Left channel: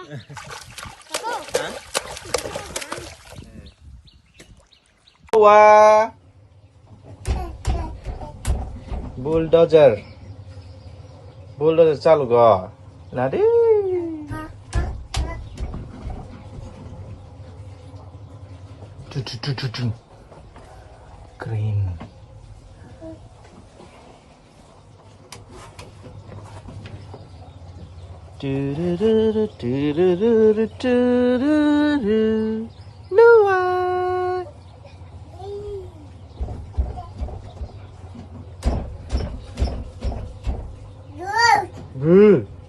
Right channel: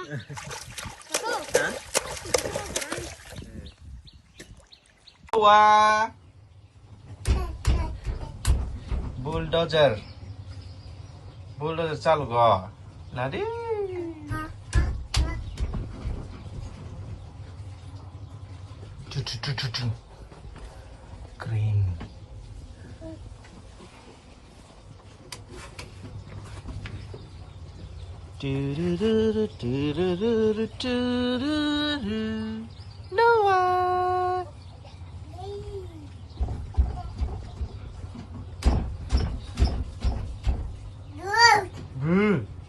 Hả? Wow. Bulldozer. Bulldozer चालू कर. Nadi. Cream. Noah. Good.